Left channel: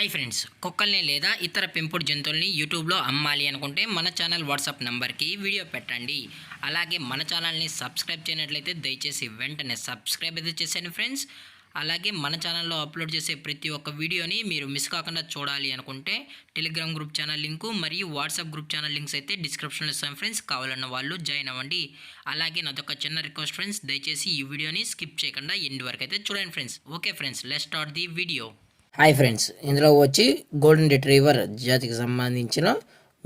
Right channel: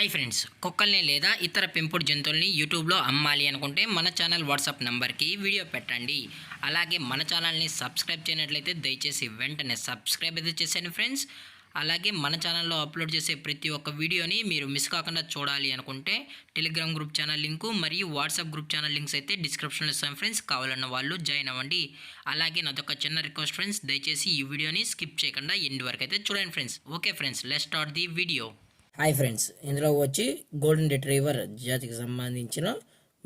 Hi friends, కుక్కల్ని లేదా ఇతర పెంపుడు జంతువుల్ని యూట్యూబ్లో అమ్మాలి అనుకుంటే మన ఛానల్ వాట్సాప్ నెంబర్కి వీడియో పెట్టండి. అలాగే మన ఛానల్ని సబ్స్క్రైబ్ చేయనట్లయితే దయచేసి వెంటనే సబ్స్క్రైబ్ అయితే చేసేయండి ఫ్రెండ్స్. అలాగే మన ఛానల్లో అప్లోడ్ చేసే ప్రతి ఒక్క వీడియోని మీరు మిస్ కాకుండా చూడాలి అనుకుంటే టెలిగ్రామ్ గ్రూప్ ఛానల్ లింకు మరియు వాట్సాప్ గ్రూప్ ఛానల్ లింక్స్ అయితే డిస్క్రిప్షన్లో ఇస్తాం ఫ్రెండ్స్. కావాలన్న వాళ్ళు జాయిన్ అవ్వండి. అలాగే నాదొక చిన్న రిక్వెస్ట్ ఫ్రెండ్స్, దయచేసి ఈ వీడియోని స్కిప్ చేయకుండా ఎండ్ వరకు అయితే చూడండి friends. Okay friends, let's start the video. Hi friends, ఇందులో వచ్చి గోల్డెన్ రిట్రీవర్ జాతికి సంబంధించిన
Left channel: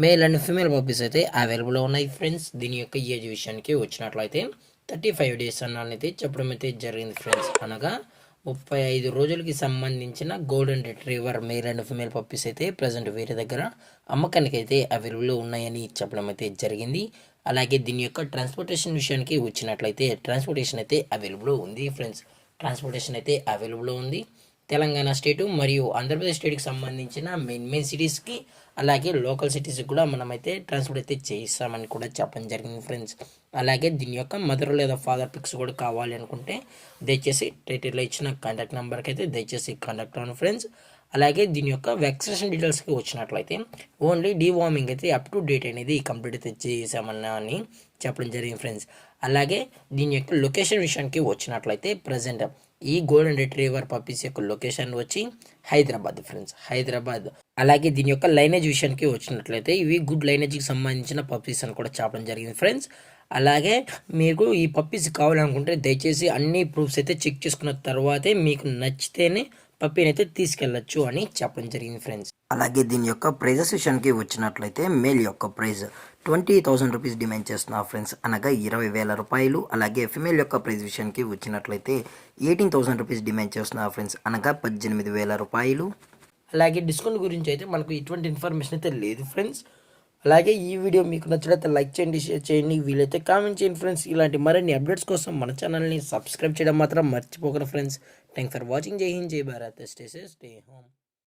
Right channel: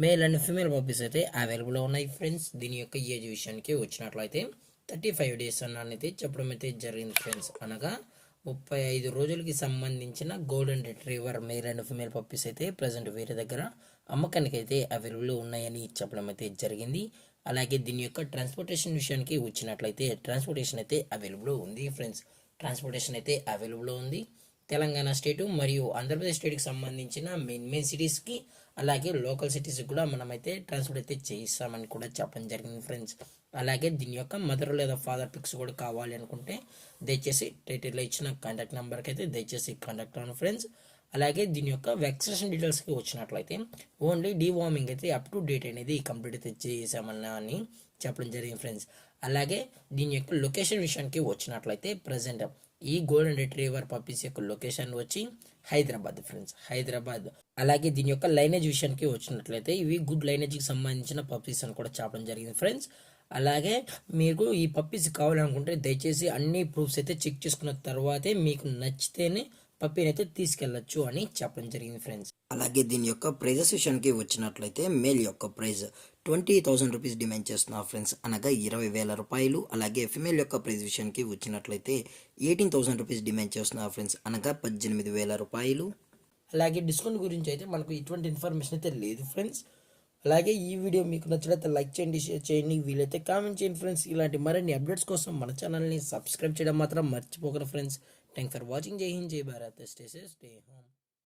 మేల్ అండ్ ఫీమేల్ పప్పీస్ అయితే అవైలబుల్లో ఉన్నాయి ఫ్రెండ్స్. దీని యొక్క ఏజ్ విషయానికి వచ్చినట్లయితే 35 డేస్ అన్నైతే చెప్పడం అయితే జరిగింది ఫ్రెండ్స్. అనగా 35 రోజులకి సంబంధించిన golden retriever male and female puppies అయితే ప్రజెంట్ వేరే దగ్గర అమ్మకానికి అయితే అవైలబుల్లో ఉన్నాయని చెప్పడం అయితే జరిగింది. అలాగే దీని యొక్క ట్రాన్స్పోర్టేషన్ విషయానికి వచ్చినట్లయితే ట్రాన్స్పోర్టేషన్ అయితే అవైలబుల్లో ఉంది ఫ్రెండ్స్. ట్రాన్స్పోర్టేషన్ అయితే అవైలబుల్లో ఉంది. తెలంగాణ స్టేటు మరియు ఆంధ్రప్రదేశ్ స్టేట్కి సంబంధించిన మెయిన్ సిటీస్కి అలాగే లోకల్ సిటీస్కి కూడా మనమైతే ట్రాన్స్పోర్ట్ అయితే చేయిస్తామని కూడా చెప్పడం జరిగింది ఫ్రెండ్స్. అలాగే దీని యొక్క మదర్ లేదా ఫాదర్ పిక్స్ కూడా కావాలి అనుకుంటే దయచేసి టైటిల్లో ఇచ్చిన కాంటాక్ట్ నెంబర్కి అయితే దయచేసి కాంటాక్ట్ అవ్వండి ఫ్రెండ్స్. అలాగే దీని యొక్క వ్యాక్సినేషన్ డీటెయిల్స్కి వచ్చినట్లయితే ఓన్లీ డీవార్మింగ్ అయితే అప్ టు డేట్ అనేది కంప్లీట్ అయితే చేసామన్నా అని చెప్పడం జరిగింది ఫ్రెండ్స్. అలాగే దీని యొక్క లొకేషన్ విషయానికి వచ్చినట్లయితే ప్రజెంట్ ఈ గోల్డెన్ రిట్రీవర్ పప్పీస్ యొక్క లొకేషన్ వచ్చి హైదరాబాద్ ఫ్రెండ్స్, హైదరాబాద్. అలాగే దీని యొక్క లైనేజ్ విషయానికి వచ్చినట్లయితే ఇవి గుడ్ లైనేజ్కి సంబంధించిన పప్పీస్ అని కూడా చెప్పడం జరిగింది ఫ్రెండ్స్. అలాగే మీకు ఈ పప్పీస్ కావాలనుకుంటే దయచేసి అన్ని ప్రూఫ్స్ అయితే చెక్ చేసుకున్న తర్వాతే మీకు నచ్చితేనే పప్పీని అయితే తీసుకెళ్ళచ్చు అని చెప్పడం జరిగింది ఫ్రెండ్స్. అలాగే దీని యొక్క ప్రైజెస్ విషయానికి వచ్చినట్లయితే మేల్ యొక్క ప్రైజ్ 20,000 రూపీస్ డిమాండ్ చేస్తున్నారు ఫ్రెండ్స్, అనగా 20,000 రూపాయలు. అలాగే ఫిమేల్ యొక్క ప్రైజ్ విషయానికి వచ్చినట్లయితే 18,000 రూపీస్ డిమాండ్ చేస్తున్నారు ఫ్రెండ్స్, అనగా 18,000 రూపాయలు. అలాగే డిస్కౌంట్ గురించి అయితే మనకు ఎటువంటి ఇన్ఫర్మేషన్ అయితే లేదు ఫ్రెండ్స్. అలాగే ఈ వీడియో మీకు నచ్చినట్లయితే లైక్ చేయండి, షేర్ చేయండి, వీలైతే కామెంట్ చేయండి ఫ్రెండ్స్. ఇలాంటి మరిన్ని అప్డేట్స్ కోసం మన ఛానల్ని సబ్స్క్రైబ్ చేయడం మాత్రం మర్చిపోకండి ఫ్రెండ్స్. Thanks for watching. జై హింద్, జై Bharat, stay safe, stay home.